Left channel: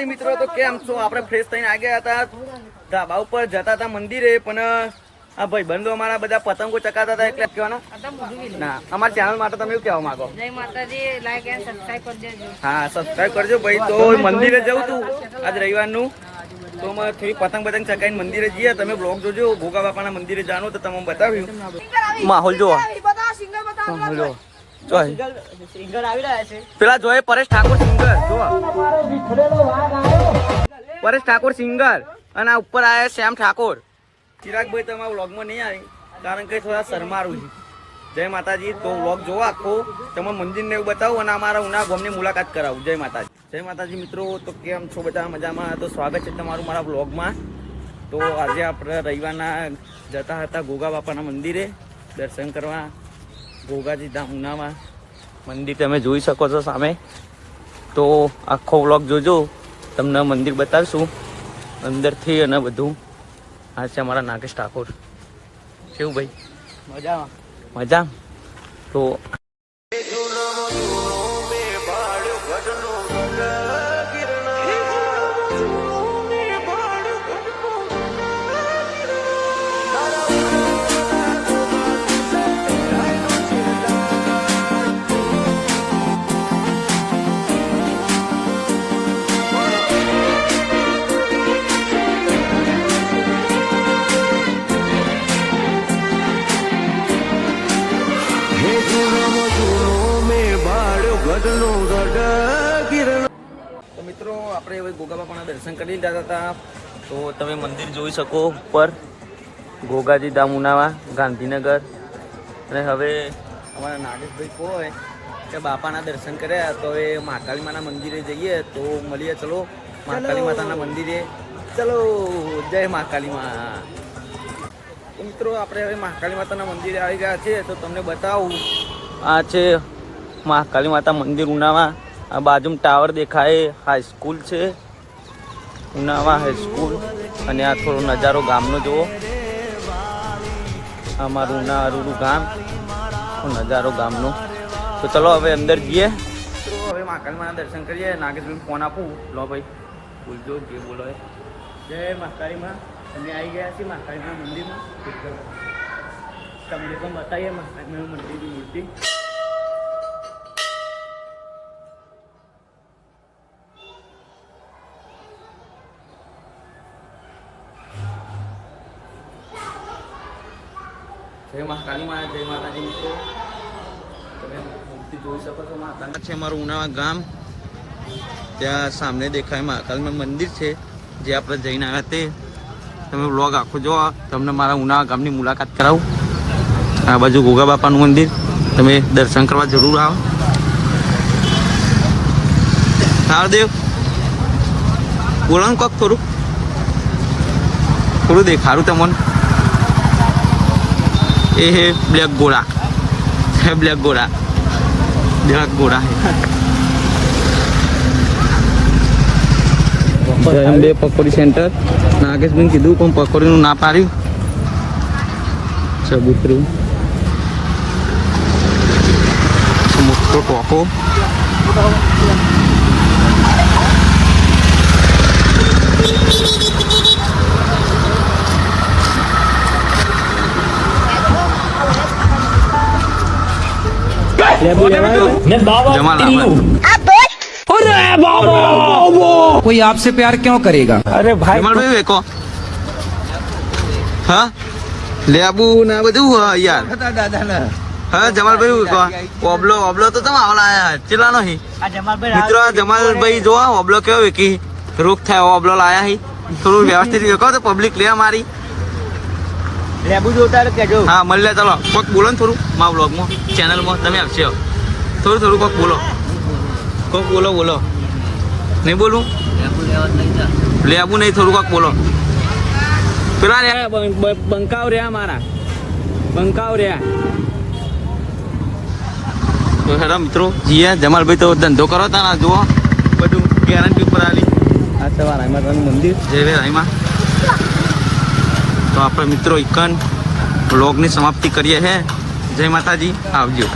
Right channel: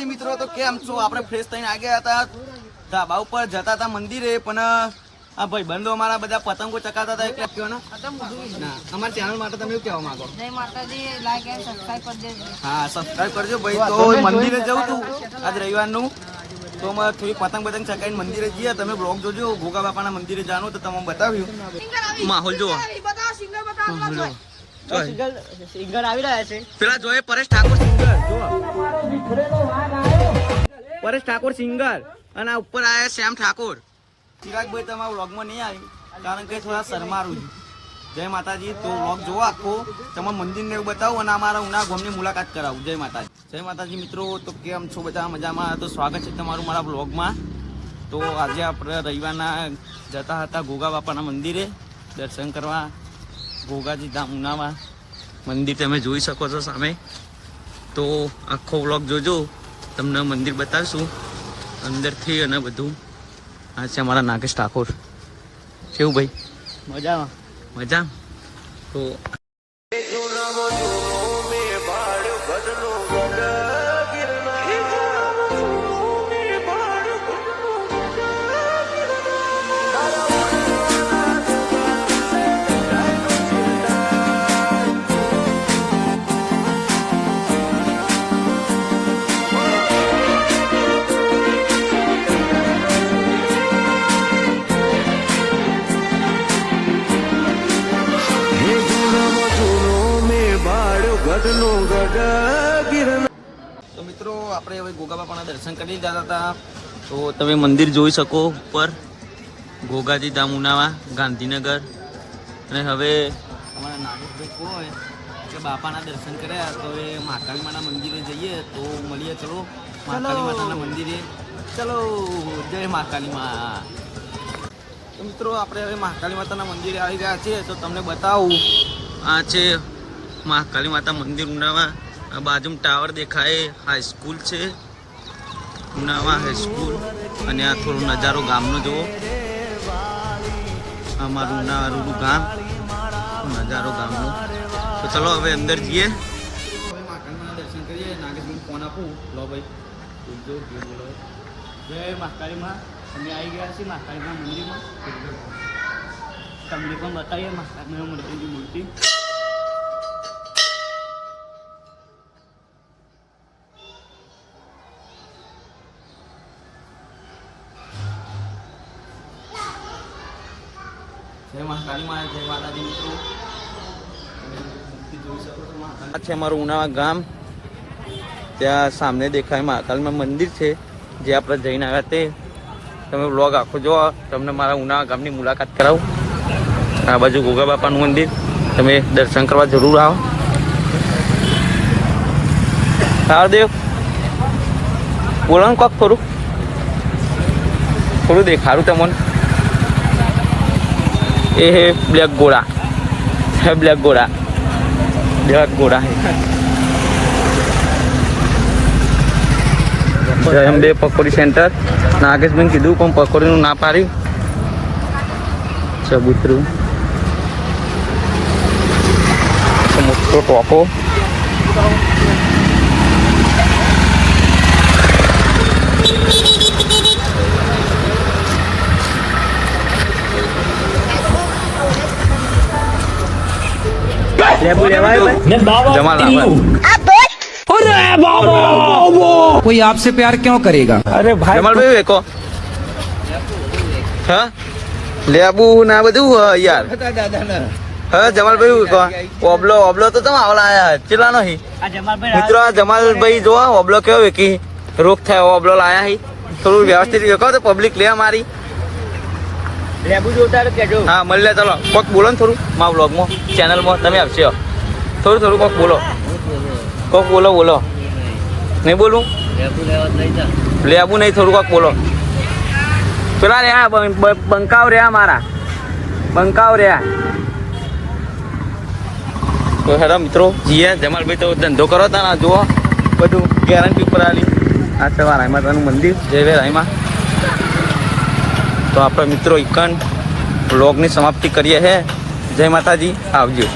માતાજી મિત્રો, તો કેમ છો? આપણે ફ્રેશ થઈને આવી ગયા હતા, ધાબા ઉપર જતા હતા મંદિરે, પણ આ ભાઈ બંધો અમારા બધા પતંગો ચકાતા હતા એટલે કહેવાનું ના. અમારી ચેનલ માટે તમે એવું કહેવા માંગો? જય માતાજી, લાઈક એન્ડ સબસ્ક્રાઇબ કરજો. હા, સબસ્ક્રાઇબ કરજો ભાઈ. તો મંદિરે જવું તું આજ રવિવારનું, તો અમે થોડી પતંગ ચકાઈને મંદિરે જઈએ. તમે બ્લોગ જોજો, ભોગા બાપાના મંદિરે જવાનું, તો તમે બતાવ્યું માહોલ જો. પેલા જોયે પરેશ ઠાકોર સિંગર, પરેશ ઠાકોર સિંગર, અને આ ઉપર આયા શ્યામ ઠાકોર. ચિરાગભાઈ તમારા વ્લોગમાં નહીં આવી કારણ કે થોડા શરમારું છે. જય માતાજી. તો વ્લોગ જોવો આખો, તમે મંદિરને એવું બતાવું અને અમારા ઉના ગામની મુલાકાત કરાવું. જય માતાજી. જય માતાજી મિત્રો, તો કેમ છો બધા? મજામાં? તો સ્વાગત છે તમારું મારા વ્લોગમાં. તો આજે આપણે રવિવારના જતા હતા ગોગા બાપાના મંદિરે દર્શન કરવા. ગોગાજી ધામ ઉનામાં મંદિર તમે જોઈ શકો છો સામે. તો આખો વ્લોગ જોજો, તમને મંદિર બતાવીશું અંદરથી અને બધું. આ છે અમારા નાગેશ ઠાકોર. કેવું ભાઈ? મજા. તો તો મિત્રો આપણે હવે ગોગા બાપાના દર્શન કરી લીધા હતા. તો તમે મંદિર જોઈ શકો ઉપર, ગોગાજી ધામ ઉનાવા ગાંધીનગર. અને હવે અમારા નાગેશભાઈ કહે કે બાપાના દર્શન કર્યા, તો હવે મહાકાળી માના મંદિરે જઈએ. તો મળીએ, ચલો મહાકાળી માતાના મંદિરે. ચલો, જય મહાકાળી મા. તો મિત્રો આપણે હવે મહાકાળી માતાના મંદિરે આવી ગયા છે. તો તમને બતાવું, આ છે મહાકાળી માતા મંદિર ઉનાવા. આ બાજુમાં ટાવર દેખાય, હાઈસ્કૂલ છે ઉનાવા હાઈસ્કૂલ. અને આ થોડો નજારો ગામનો જુઓ, અમારું ઉનાવાળું ગામ, નજારો ગામનો. તો ચલો હવે અંદર જઈએ. તો હવે મહાકાળી માના દર્શન કરીએ. નાગેશભાઈ ફોન આપું. લો ભાઈ બોલજો, કે બોલો. જય મહાકાળી માં. અમે આવી ગયા છીએ મહાકાળી માના મંદિરમાં. તમને પણ બતાવીએ મહાકાળી માના મંદિરની મૂર્તિ. જય મહાકાળી માં. જય માતાજી મિત્રો, તમે મૂર્તિ જોઈ શકો છો. મહાકાળી છે અમારું ઉનાવા ગામ. ત્યાં સામે દેખાય મહાકાળીમાં મંદિર છે, જે આપણે જઈને આવ્યા તે. તમે વ્લોગ આખો જો, તમને મારા ઉનાવા ગામની મુલાકાત કરાવું. આ બાજુ ગોગા બાપાનું મંદિર, તમે દર્શન કરવા જરૂર આવો. તારદેવ બોલો ને કોક, થોડું દેખાડું તમને. એ હે બ્લેક ઘોડા, હે બ્લેક ઘોડા હે. જય અંબે પકોડી સેન્ટર. નાગેશભાઈ કીધું પણ પકોડીનું ના પાડી. ચબૂતરું મોટો ટોકો. कोई आपसे प्यार क्यों करेगा? अरे भाई जमाल भाई देखो, हाँ લેબુ ના બધું યાર. હા જમાલભાઈ, ઓબલો તો તમે આવલા આયા ચેલા નહીં મિત્રો. જમાલભાઈ જો ઓબલો કેવો વેકી રોગ થાય ઓબલો લાયા હી. થોડું વ્યવસ્થિત વેકો તો પબ્લિક લે મારી. લેબુ જોતા કેજો. હા મળે. ચલો કોક બોલો ને થોડું મારા વ્લોગમાં, ચેનલમાં તમે આવશે. થોડું કોક બોલો, બોલો. નહીં બોલું? લેબુ નહીં, થોડું કોક બોલો. પેલા રહ્યા બંકાવ રહ્યા, મારા બંકાવ રહ્યા. તો હેરા મિત્રો જીએ. જમાલભાઈ તો ધંધો કરો તા, જુઓ બધું ગેરંટી ઉપર આવી. આ છે રાઈ માતાનું મંદિર, જય રાઈમાં. તો આપણે મિત્રો ઇકન બ્લોગની સમાપ્તિ કરીએ છે. જય માતાજી, આવજો.